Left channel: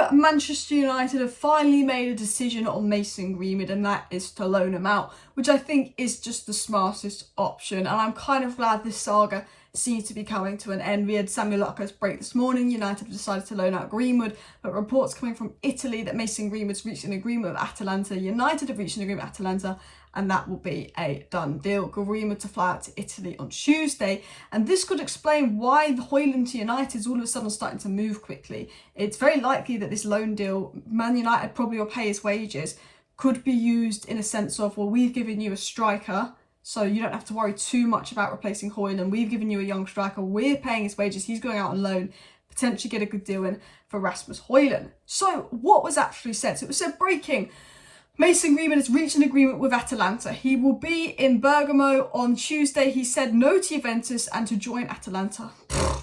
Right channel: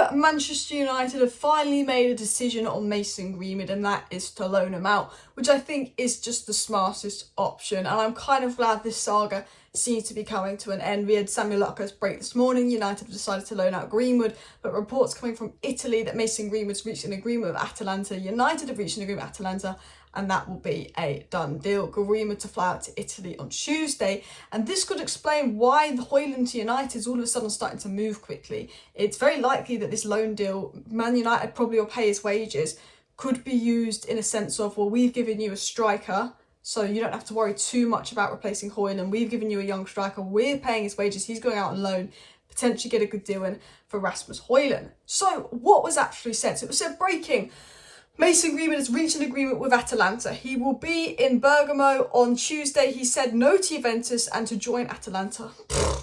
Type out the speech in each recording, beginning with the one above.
So Manchester United have finally made a decision on Mason Greenwood, and that is to loan him out, which I think is just the smartest option. And I'm kind of glad this saga seems to be coming to an end. We had Samuel Lucker's break this morning. United have decided to loan out Greenwood, but reports coming from Italy that Mason Greenwood's reached an agreement with Atalanta. United have reached an agreement with Atalanta, and that will be a done deal. Greenwood to fly out to Italy on Tuesday, and this could explain why the Hojlund to United is all of a sudden starting to move quickly. It's very likely that this loan deal, Man United probably will pay his wages, could be used in a sense of, well, we've given you a striker, so you don't have to worry too much about replacing Hojlund. We've given you a young striker, we're paying his wages, he's going out on loan, potentially get a good deal in for Rasmus Hojlund. So what was actually said? So it was said breaking. Mason Greenwood has reached an agreement with Atalanta. He will be in Bergamo on Tuesday. He said no to Juventus and to join Atalanta.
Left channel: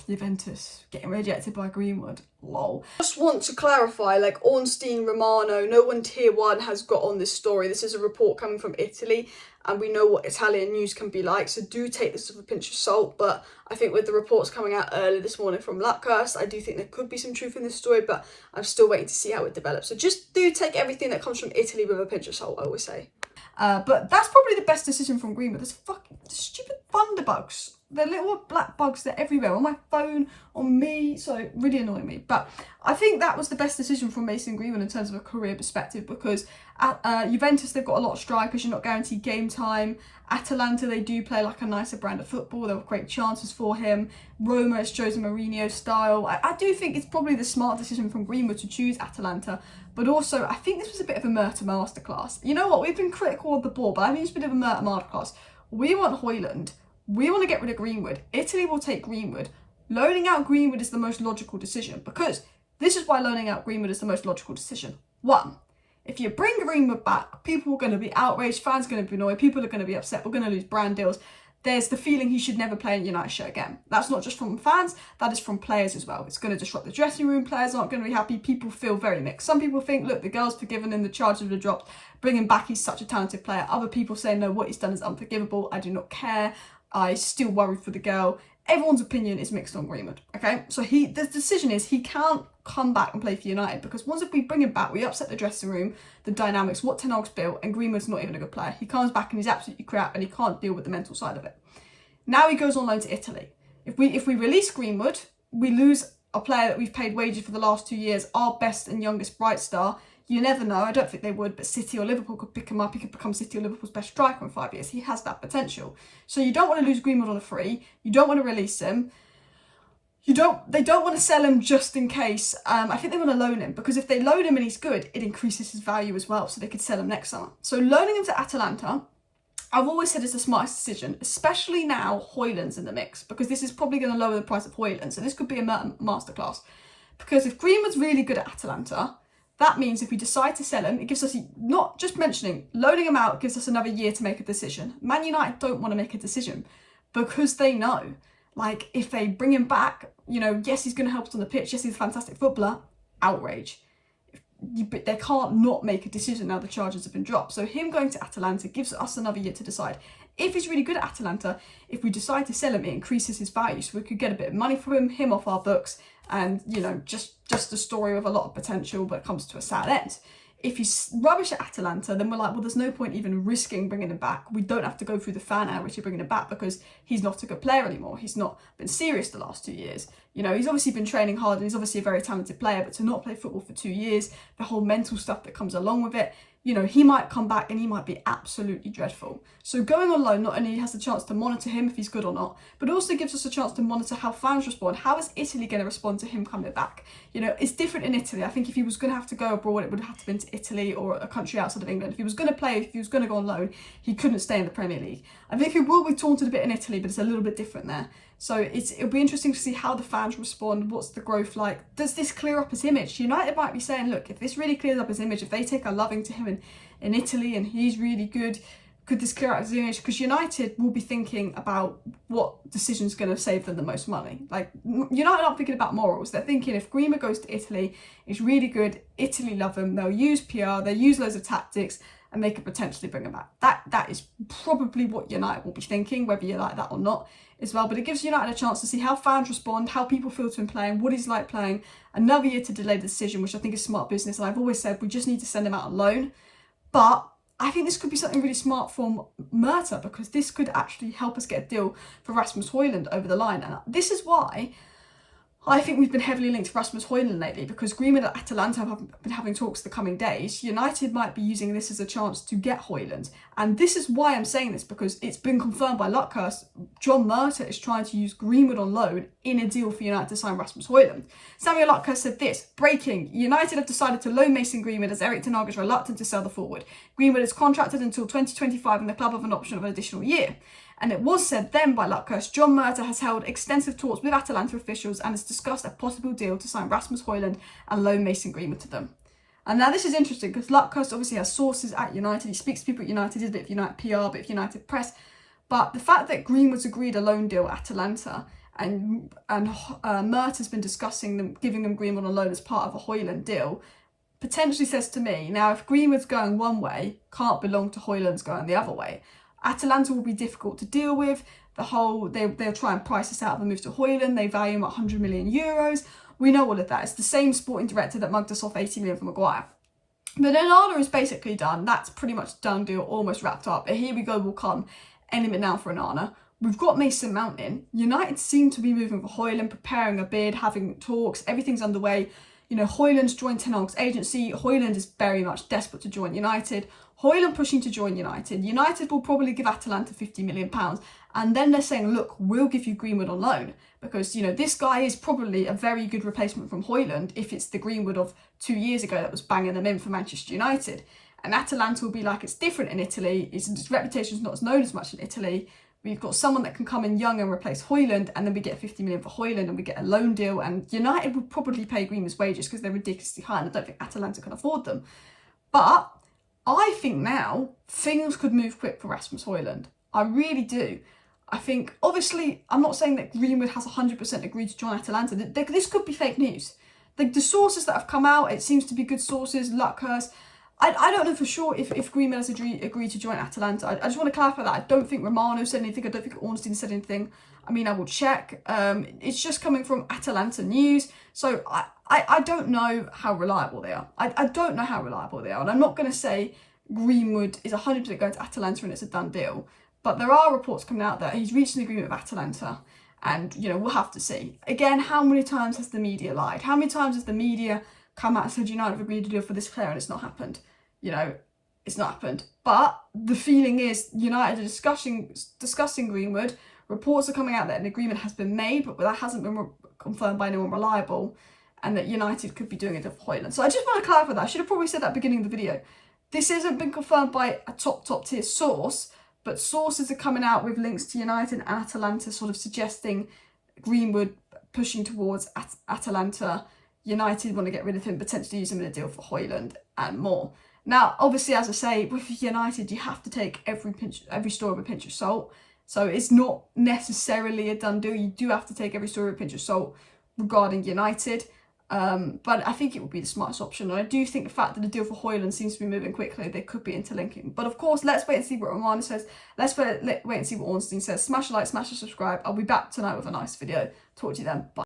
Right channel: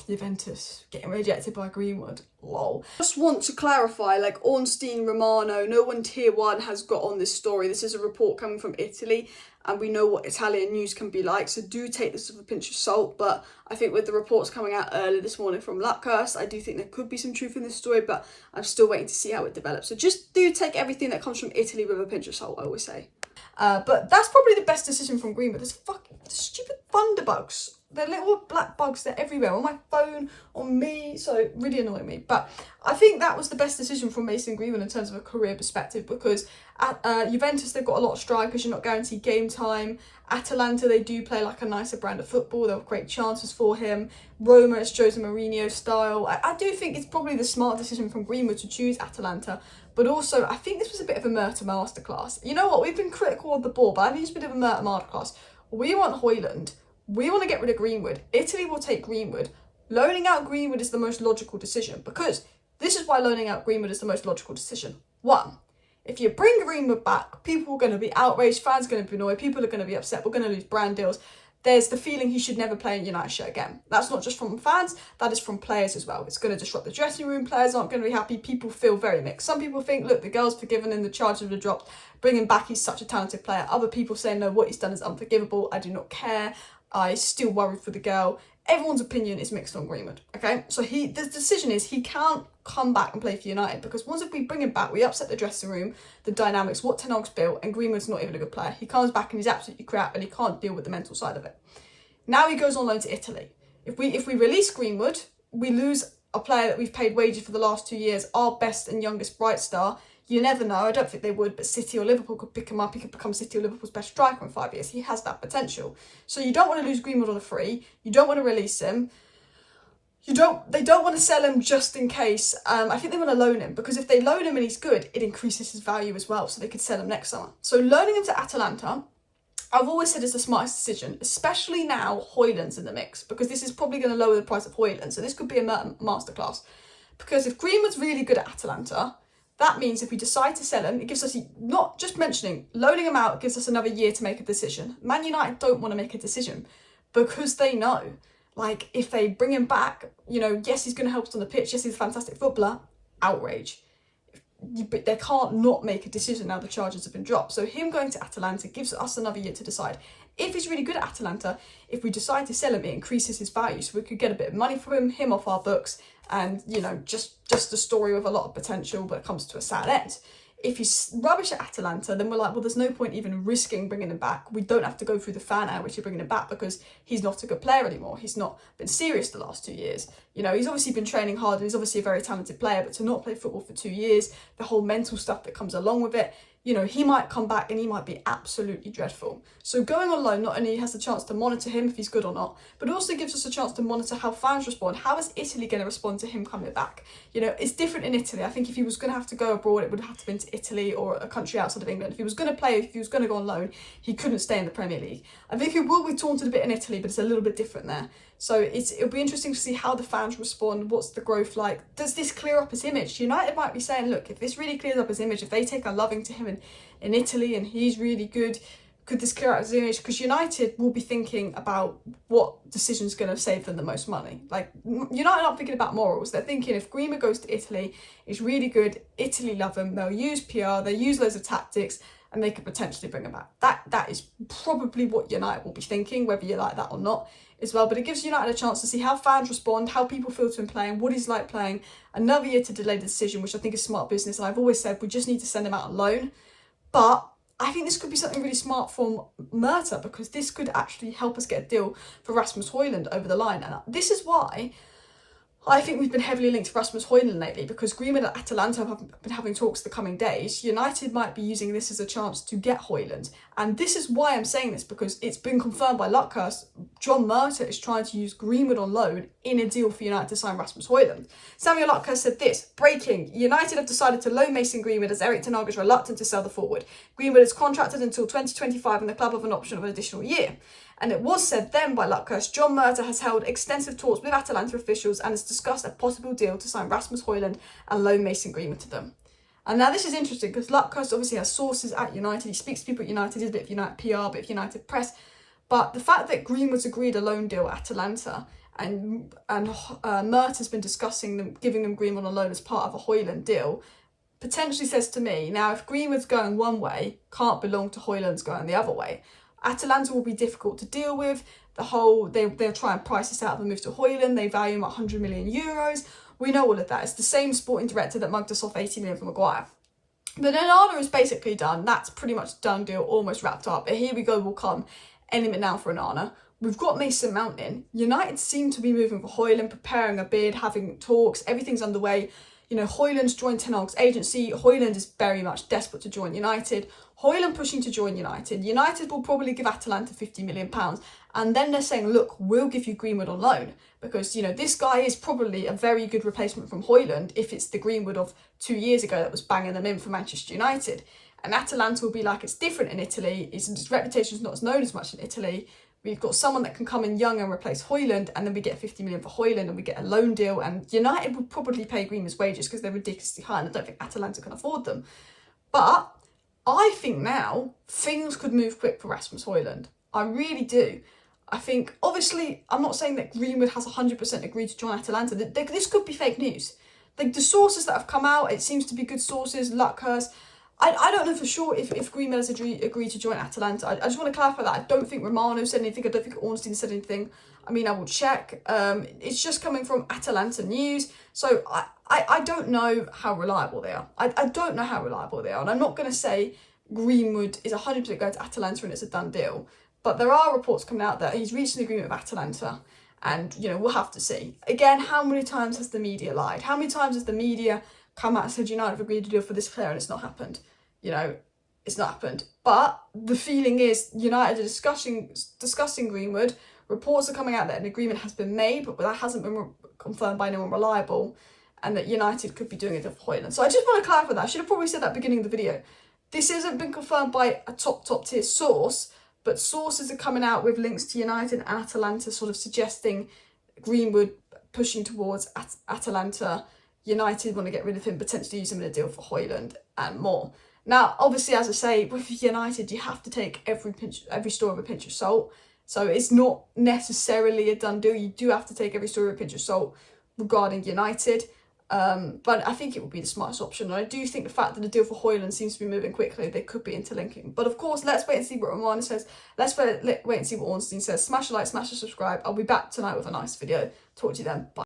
Juventus getting rejected by Greenwood. Lol. Just want to clarify, like Ornstein Romano, no one tier one has got on this story. This is a report coming from Italy, and we know what Italian news can be like, so do take this with a pinch of salt. But I think with the reports coming out earlier this morning from Luckhurst, I do think there could be some truth in this story, but I'm still waiting to see how it develops. So just do take everything that comes from Italy with a pinch of salt, I always say. But that's probably the best decision from Greenwood. There's fucking stupid thunderbugs. They're little black bugs, they're everywhere, on my phone, on me, so really annoying me. But I think that was the best decision from Mason Greenwood in terms of a career perspective, because at Juventus, they've got a lot of strikers, you're not guaranteed game time. Atalanta, they do play like a nicer brand of football, they'll create chances for him. Roma, it's Jose Mourinho style. I do think it's probably the smart decision from Greenwood to choose Atalanta, but also I think this was a bit of a Murtough masterclass. You know what, we've been critical of the ball, but I think it's a bit of a Murtough masterclass. We want Hojlund. We want to get rid of Greenwood. Italy will take Greenwood. Loaning out Greenwood is the most logical decision, because this is why loaning out Greenwood is the most logical decision. One, if you bring Greenwood back, people are going to be outraged, fans are going to be annoyed, people are going to be upset, we're going to lose brand deals. There's the feeling he should never play in United shirt again. That's not just from fans, that is from players as well. It's going to disrupt the dressing room, players aren't going to be happy, people feel very mixed. Some people think, look, the girl's forgiven and the charges were dropped, bring him back, he's such a talented player. Other people say, no, what he's done is unforgivable, I do not care. I still worry for the girl. Everyone's opinion is mixed on Greenwood, okay? So the decision is he can't come back and play for United, because once if we bring him back, we upset the dressing room, the dynamics, what Ten Hag's built, and Greenwood's not even a good player. He comes back and he's absolutely crap, and he can't deal with the mental side of it. Now he goes on loan to Italy. If we release Greenwood, we lose a player that we've paid wages for the last 2 years, our best and youngest bright star. You never know, I don't think they would, but City or Liverpool could pick him up. He could become City or Liverpool's best striker in 5 years. He has that potential. So you don't want to lose Greenwood on a free. You don't want to release him. They don't want to sell him just in case. I think they want to loan him, because if they loan him and he's good, it increases his value as well, so they could sell him next summer. So loaning him to Atalanta, I've always said it's the smartest decision, especially now Hojlund's in the mix, because this is probably going to lower the price of Hojlund. So this could be a masterclass. Because if Greenwood's really good at Atalanta, that means if we decide to sell him, it gives us, not just mentioning, loaning him out gives us another year to make a decision. Man United don't want to make a decision, because they know, like, if they bring him back, you know, yes, he's going to help us on the pitch, yes, he's a fantastic footballer, outrage. But they can't not make a decision now the charges have been dropped. So him going to Atalanta gives us another year to decide. If he's really good at Atalanta, if we decide to sell him, it increases his value, so we could get a bit of money for him off our books, and, you know, just a story with a lot of potential, but comes to a sad end. If he's rubbish at Atalanta, then we're like, well, there's no point even risking bringing him back. We don't have to go through the fan hour, which is bringing him back, because he's not a good player anymore. He's not been serious the last 2 years. You know, he's obviously been training hard and he's obviously a very talented player, but to not play football for 2 years, the whole mental stuff that comes along with it, you know, he might come back and he might be absolutely dreadful. So going on loan not only has the chance to monitor him if he's good or not, but also gives us a chance to monitor how fans respond. How is Italy going to respond to him coming back? You know, it's different in Italy. I think if he was going to have to go abroad, it would have to been to Italy or a country outside of England. If he was going to play, if he was going to go on loan, he couldn't stay in the Premier League. I think he will be taunted a bit in Italy, but it's a little bit different there. So it'll be interesting to see how the fans respond. What's the growth like? Does this clear up his image? United might be saying, look, if this really clears up his image, if they take a loving to him in Italy and he's really good, could this clear out his image? Because United will be thinking about what decision's going to save them the most money. Like, United aren't thinking about morals. They're thinking if Greenwood goes to Italy, it's really good, Italy love him, they'll use PR, they'll use loads of tactics, and they could potentially bring him back. That is probably what United will be thinking, whether you like that or not. as well, but it gives United a chance to see how fans respond, how people feel to him playing, what he's like playing. Another year to delay the decision, which I think is smart business, and I've always said we just need to send him out on loan. But I think this could be something really smart from Murtough, because this could actually help us get a deal for Rasmus Hojlund over the line. And this is why I think we've been heavily linked to Rasmus Hojlund lately, because Greenwood at Atalanta have been having talks the coming days. United might be using this as a chance to get Hojlund. And this is why I'm saying this, because it's been confirmed by Luckhurst. John Murtough is trying to use Greenwood on loan in a deal for United to sign Rasmus Hojlund. Samuel Luckhurst said this: breaking, United have decided to loan Mason Greenwood as Erik ten Hag is reluctant to sell the forward. Greenwood is contracted until 2025 and the club have an option of an additional year. And it was said then by Luckhurst, John Murtough has held extensive talks with Atalanta officials and has discussed a possible deal to sign Rasmus Hojlund and loan Mason Greenwood to them. And now this is interesting, because Luckhurst obviously has sources at United. He speaks to people at United, he's a bit of United PR, a bit of United press. But the fact that Greenwood's agreed a loan deal at Atalanta and Murtaugh's been discussing them, giving them Greenwood on loan as part of a Hojlund deal, potentially says to me, now if Greenwood's going one way, can't belong to Hojlund's going the other way. Atalanta will be difficult to deal with. They'll try and price us out of a move to Hojlund. They value him at 100 million euros. We know all of that. It's the same sporting director that mugged us off 80 million for Maguire. But Onana is basically done. That's pretty much done deal, almost wrapped up. Here we go, will come any minute now for Onana. We've got Mason Mount in. United seem to be moving for Hojlund, preparing a bid, having talks. Everything's underway. You know, Hojlund's joined ten Hag's agency. Hojlund is very much desperate to join United. Hojlund pushing to join United. United will probably give Atalanta £50 million. And then they're saying, look, we'll give you Greenwood on loan. Because, you know, this guy is probably a very good replacement from Hojlund if it's the Greenwood of 2 years ago that was banging them in for Manchester United. And Atalanta will be like, it's different in Italy. Its reputation is not as known as much in Italy. We've got someone that can come in young and replace Hojlund, and then we get 50 million for Hojlund and we get a loan deal. And United would probably pay Greenwood's wages because they're ridiculously high, and I don't think Atalanta can afford them. But I think now things could move quick for Rasmus Hojlund. I really do. I think, obviously, I'm not saying that Greenwood has 100% agreed to join Atalanta. This could be fake news. Like, the sources that have come out, it seems to be good sources. Luckhurst. I don't know for sure if Greenwood has agreed to join Atalanta. I just want to clarify that. I don't think Romano said anything. I don't think Ornstein said anything. I mean, I will check. It's just coming from Atalanta news. So I don't know how reliable they are. I don't know how reliable they are. And I'm not going to say Greenwood is 100% going to Atalanta and it's a done deal. But there are reports coming out that he's reached an agreement with Atalanta. And, you know, we'll have to see. Again, how many times has the media lied? How many times has the media come out and said United have agreed to deal for this player and it's not happened? You know, it's not happened. But the feeling is United are discussing Greenwood. Reports are coming out that an agreement has been made, but that hasn't been confirmed by anyone reliable, and that United could be doing it for Hojlund. So I just want to clarify that. I should have probably said that at the beginning of the video. This hasn't been confirmed by a top tier source, but sources are coming out with links to United and Atalanta sort of suggesting Greenwood pushing towards Atalanta. United want to get rid of him, potentially use him in a deal for Hojlund and more. Now, obviously, as I say, with United, you have to take every story with a pinch of salt. So it's not necessarily a done deal. You do have to take every story with a pinch of salt regarding United. But I think it would be the smartest option. And I do think the fact that the deal for Hojlund seems to be moving quickly, they could be interlinking. But of course, let's wait and see what Romano says. Let's wait and see what Ornstein says. Smash a like, smash a subscribe. I'll be back tonight with a nice video. Talk to you then. Bye.